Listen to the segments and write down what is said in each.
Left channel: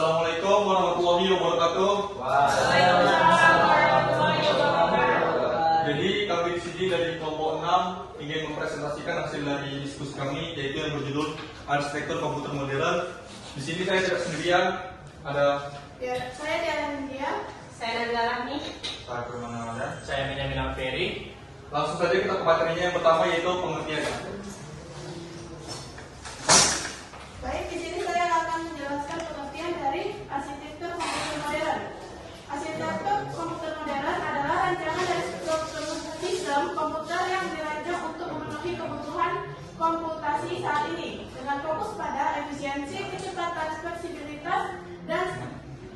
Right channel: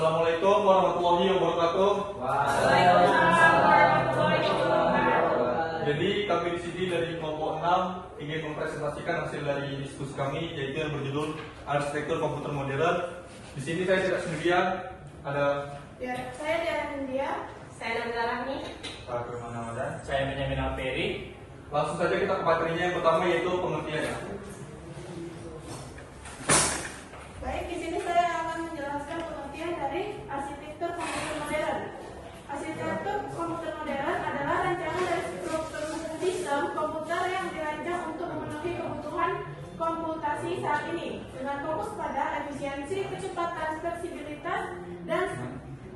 Assalamualaikum warahmatullahi wabarakatuh. Waalaikumsalam warahmatullahi wabarakatuh. Jadi kami di sini dari kelompok 6 ingin mempresentasikan hasil dari diskusi kami, yaitu yang berjudul Arsitektur Komputer Modern. Di sini saya tidak sendirian, ada Saya Diana India. Saya Nanda Rahmi. Saya Permana. Saya Benjamin Alferi. Langsung saja kita ke materinya. Yang pertama yaitu pengertiannya. Baik, di sini saya akan menjelaskan pengertian dari arsitektur komputer modern. Arsitektur komputer modern adalah rancangan dari struktur sistem komputer yang dirancang untuk memenuhi kebutuhan komputasi saat ini dengan fokus pada efisiensi, kecepatan, fleksibilitas,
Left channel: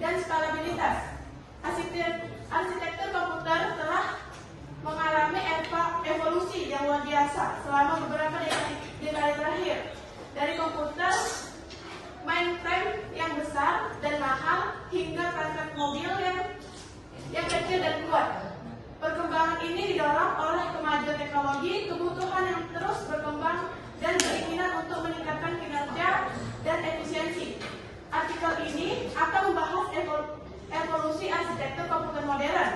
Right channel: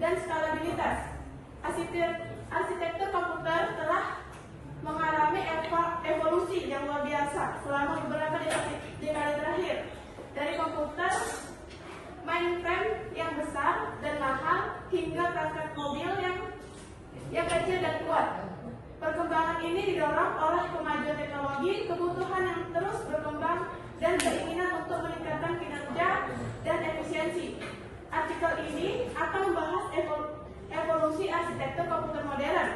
dan skalabilitas. Arsitektur komputer telah mengalami evolusi yang luar biasa selama beberapa dekade terakhir. Dari komputer mainframe yang besar dan mahal hingga perangkat mobil yang kecil dan kuat. Perkembangan ini didorong oleh kemajuan teknologi, kebutuhan yang terus berkembang, dan keinginan untuk meningkatkan kinerja dan efisiensi. Artikel ini akan membahas evolusi arsitektur komputer modern,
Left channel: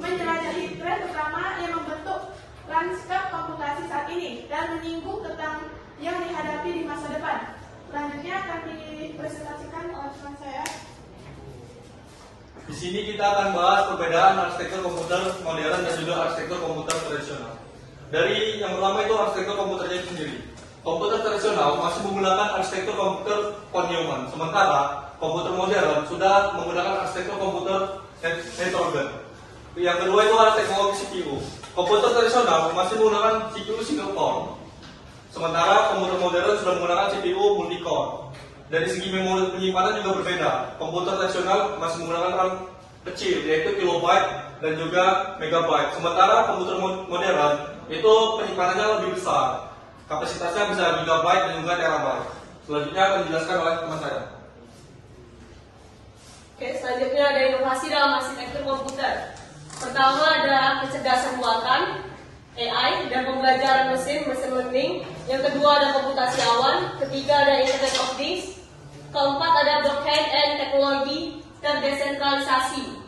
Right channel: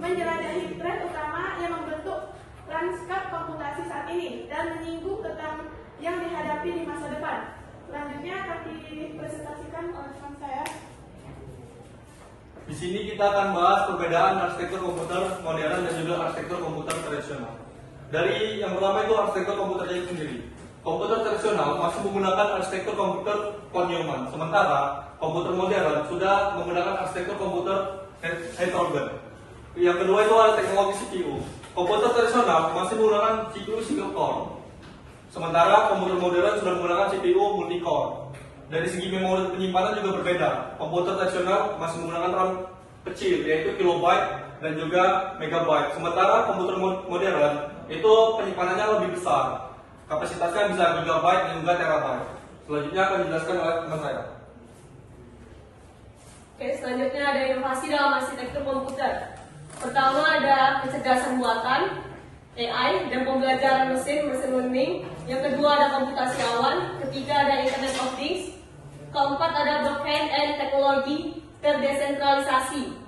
menjelajahi tren utama yang membentuk lanskap komputasi saat ini, dan menyinggung tentang yang dihadapi di masa depan. Selanjutnya akan dipresentasikan oleh teman saya. Di sini kita akan bahas perbedaan arsitektur komputer modern dan juga arsitektur komputer tradisional. Dari yang pertama itu arsitektur komputernya itu sendiri. Komputer tradisional masih menggunakan arsitektur komputer von Neumann, sementara komputer modern sudah menggunakan arsitektur komputer heterogen. Yang kedua itu adalah teknologi CPU. Komputer tradisional masih menggunakan CPU single core, sementara komputer modern sudah menggunakan CPU multi-core. Dari segi memori penyimpanan juga berbeda. Komputer tradisional masih menggunakan RAM kecil, yaitu kilobyte dan juga megabyte. Sementara komputer modern itu penyimpanannya lebih besar. Kapasitasnya bisa gigabyte dan juga terabyte. Selanjutnya akan dijelaskan oleh teman saya. Oke, selanjutnya ada inovasi dalam arsitektur komputer. Pertama ada kecerdasan buatan, AI, dan pembelajaran machine learning. Yang kedua ada komputasi awan. Ketiga ada Internet of Things. Keempat ada blockchain and teknologi terdesentralisasi.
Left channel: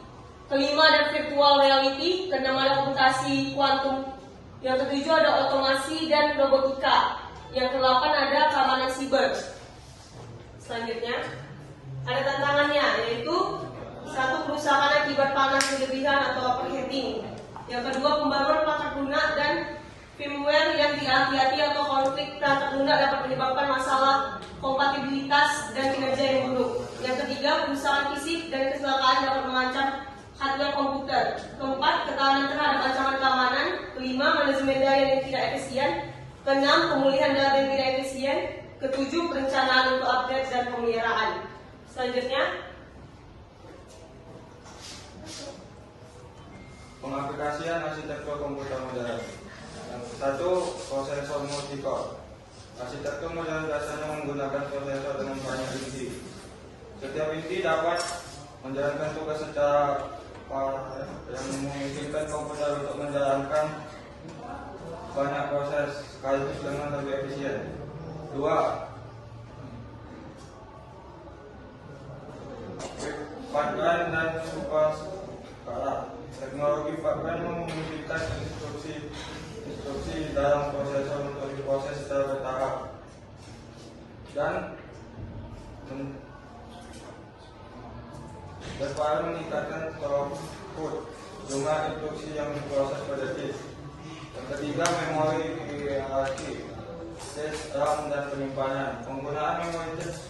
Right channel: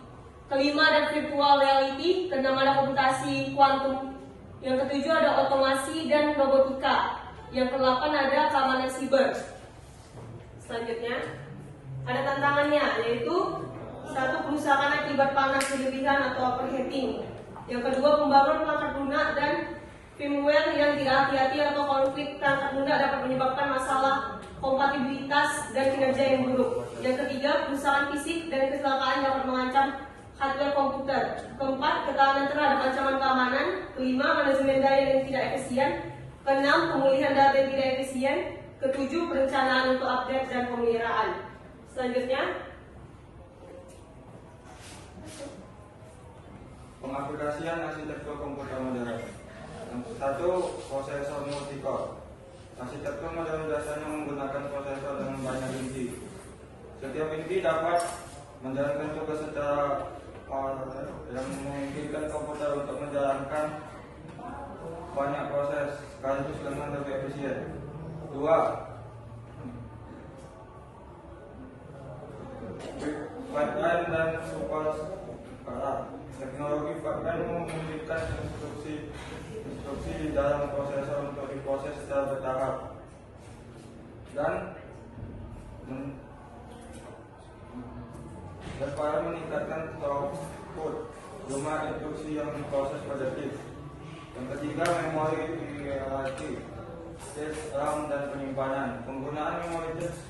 Kelima ada virtual reality. Keenam ada komputasi kuantum. Yang ketujuh ada otomasi dan robotika. Yang kedelapan ada keamanan siber. Selanjutnya ada tantangannya, yaitu satu, kerusakan akibat panas berlebihan atau overheating. Yang kedua, pembangunan perangkat lunak dan firmware yang tidak hati-hati atau konflik perangkat lunak dapat menyebabkan masalah kompatibilitas dan kinerja yang buruk. Yang ketiga, kerusakan fisik dan kecelakaan dapat mengancam hardware komputer. Keempat, ketahanan terhadap ancaman keamanan. Kelima, manajemen daya yang tidak efisien. Keenam, pemulihan data yang tidak efisien. Ketujuh, perencanaan untuk update dan pemeliharaan. Selanjutnya, pengaplikasian arsitektur komputer modern. Yang satu, prosesor multi-core. Arsitektur modern biasanya menggunakan prosesor dengan banyak inci. Setiap inci dapat menjalankan tugas secara yang memungkinkan komputer untuk menjalankan banyak proses sekaligus dengan lebih efisien. Dua, pipeline dan teknologi pipeline memungkinkan instruksi di dalam prosesor untuk diproses secara bertahap dan dapat meningkatkan throughput jumlah instruksi yang diproses pada disk. Yang ketiga, memori relatif, disk, RAM, dan penyimpanan. Penggunaan memori disk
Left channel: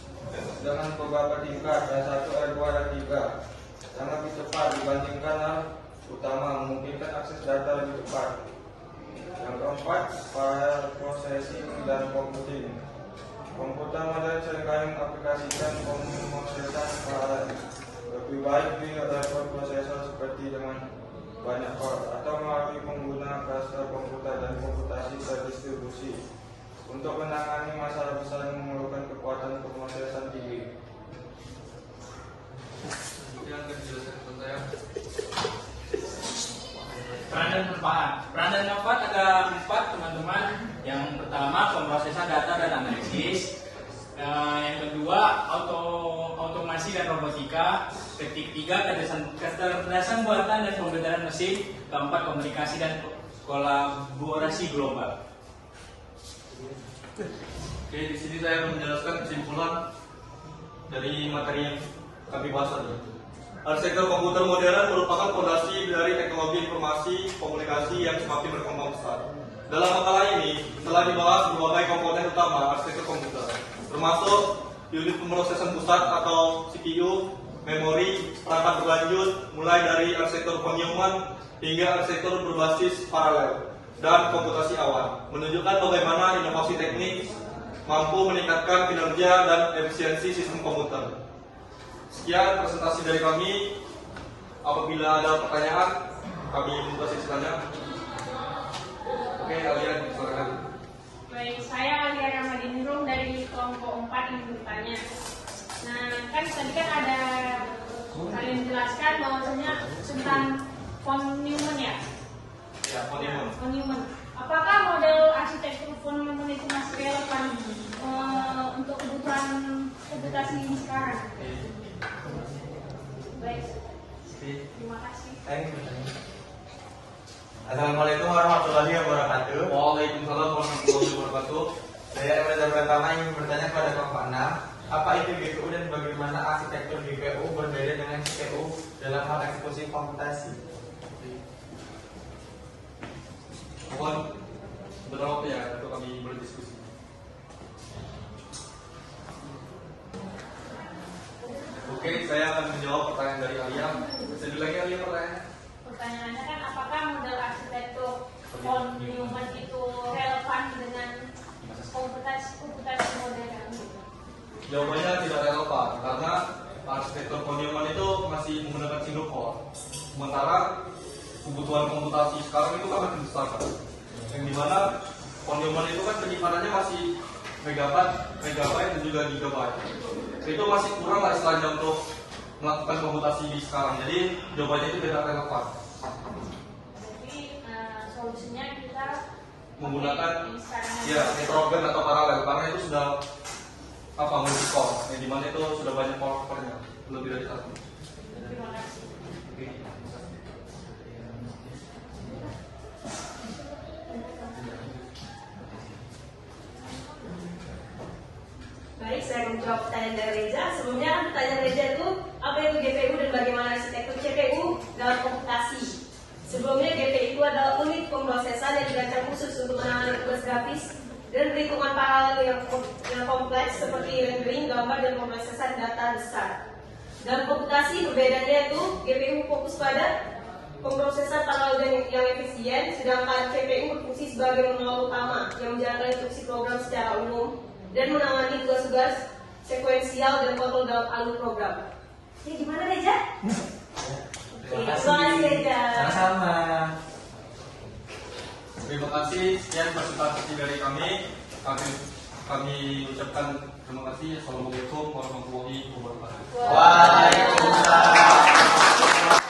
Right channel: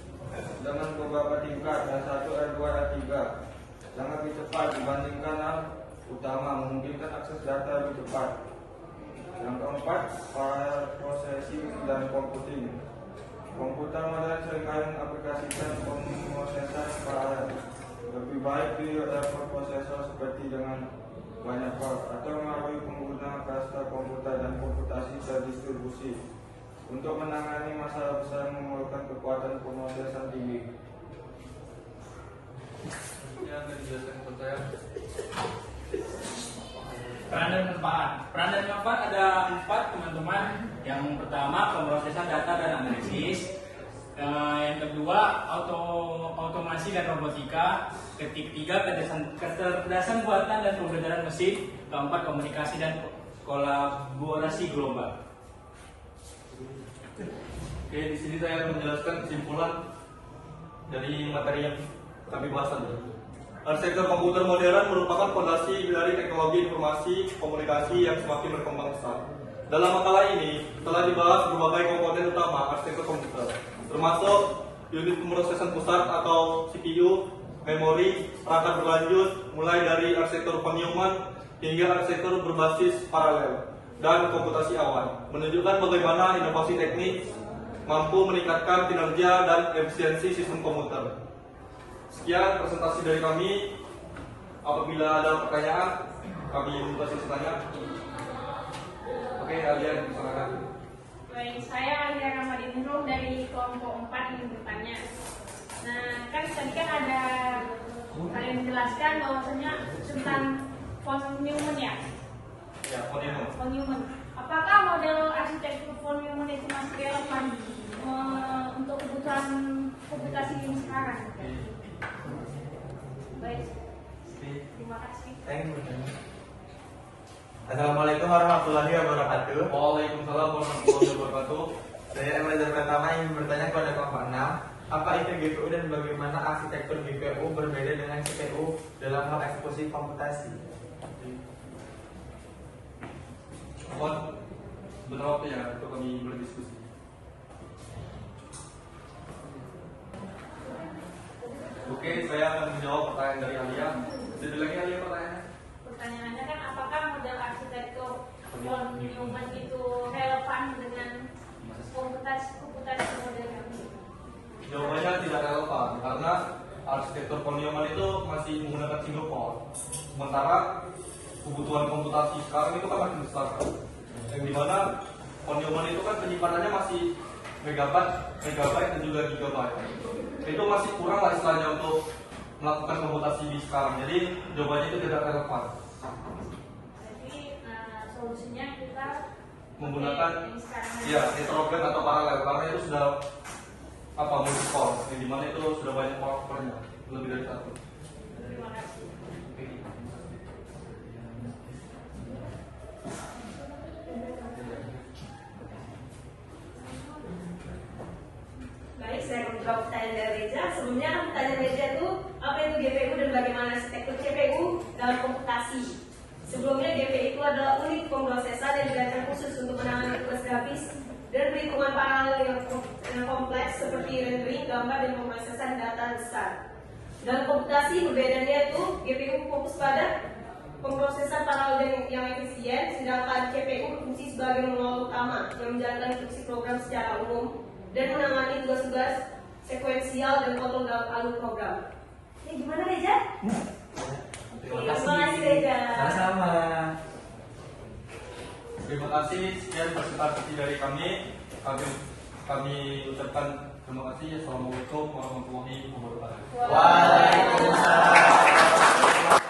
dengan beberapa tingkat, R1, R2, R3 sangat lebih cepat dibandingkan RAM utama, memungkinkan akses data lebih cepat. Yang keempat, parallel processing dan computing. Komputer modern seringkali mengaplikasikan pemrosesan paralel. Lebih baik di level prosesor seperti dengan banyak core atau melalui penggunaan cluster komputer dan komputasi terdistribusi untuk menangani masalah besar yang memerlukan kekuatan pemrosesan tinggi. Yang dijelaskan kepada saya. Peran dan manfaat. Peran dan manfaat ada 4, teman-teman. Yang pertama, pemrosesan data dan analisis. Yang kedua, otomasi dan robotika. Ketiga, kecerdasan buatan dan pembentaran mesin. Keempat, komunikasi dan kolaborasi global. Oke, di sini saya akan menjelaskan kesimpulan dari materi yang kami bahas tadi. Arsitektur komputer modern merupakan fondasi dari teknologi informasi komunikasi yang semakin berkembang pesat. Dalam makalah ini telah dibahas berbagai komponen utama arsitektur komputer, termasuk unit pemrosesan pusat atau CPU, memori, perangkat berlanjut, mulai dari arsitektur von Neumann hingga arsitektur berbasis paralel dan komputasi awan, menunjukkan bagaimana inovasi teknik mampu meningkatkan kinerja dan efisiensi sistem komputer. Sekian presentasi dari kami. Apabila ada pertanyaan, kami membuka sesi tanya. Oke, Alian, silakan. Baik, saya Alia Ramadindrum dari kelompok 4 yang bertanya. Nah, kan tadi kan ada kalian jelaskan bahwasanya tentang von Neumann ya? Ya, von Neumann. Von Neumann. Apakah model arsitektur von Neumann itu masih relevan untuk kebutuhan komputasi ini sekarang? Baik, terima kasih. Assalamualaikum warahmatullahi wabarakatuh. Waalaikumsalam warahmatullahi wabarakatuh. Saya Emanuel pertama ingin bertanya kepada kelompok 6, apa itu GPU dan bagaimana arsitektur GPU berbeda dengan CPU dalam hal eksekusi komputasi? Mohon sebentar waktu ya untuk kami berdiskusi. Oke, saya akan menjawab pertanyaan dari Alia. Bisa diulangi Alia pertanyaannya? Pertanyaannya kan apakah model arsitektur von Neumann itu relevan dengan komputasi modern? Jawabannya tidak relevan karena arsitektur von Neumann itu masih menggunakan single core. Sementara kebutuhan komputasi sekarang itu kan makin besar kan. Yang dimana von Neumann itu kan penyimpanannya masih megabyte dan juga gigabyte. Itu masih kurang lah istilahnya untuk melakukan komputasi di sekarang. Jadi jawabannya itu tidak relevan. Jadi solusinya kita Menggunakan yang sekarang ada. ya heterogen atau paralel karena itu sudah multi core. Yang dimana itu sudah banyak core-nya lebih dari satu. Terima kasih. Baik, saya menjawab pertanyaan dari Reza. Sebelumnya kan pertanyaan Reza itu apa itu GPU dan bagaimana arsitektur CPU dalam komputasi. Sebelumnya GPU itu adalah unit pemrosesan yang dirancang khusus untuk menangani tugas grafis dan perhitungan paralel yang kompleks seperti rendering, gambar, dan pemrosesan data besar. Dalam komputasi berbedanya itu GPU fokus pada pemrosesan paralel yang efisien, sedangkan CPU berfungsi sebagai manual utama yang menjalankan instruksi program secara umum dan menangani tugas-tugas sekuensial dan kontrol dalam alur program. Ini gimana Reza? Terima kasih Reza. Sama-sama. Terima kasih. Sekian presentasi dari kami. Kami ucapkan terima kasih. Assalamualaikum warahmatullahi wabarakatuh. Waalaikumsalam.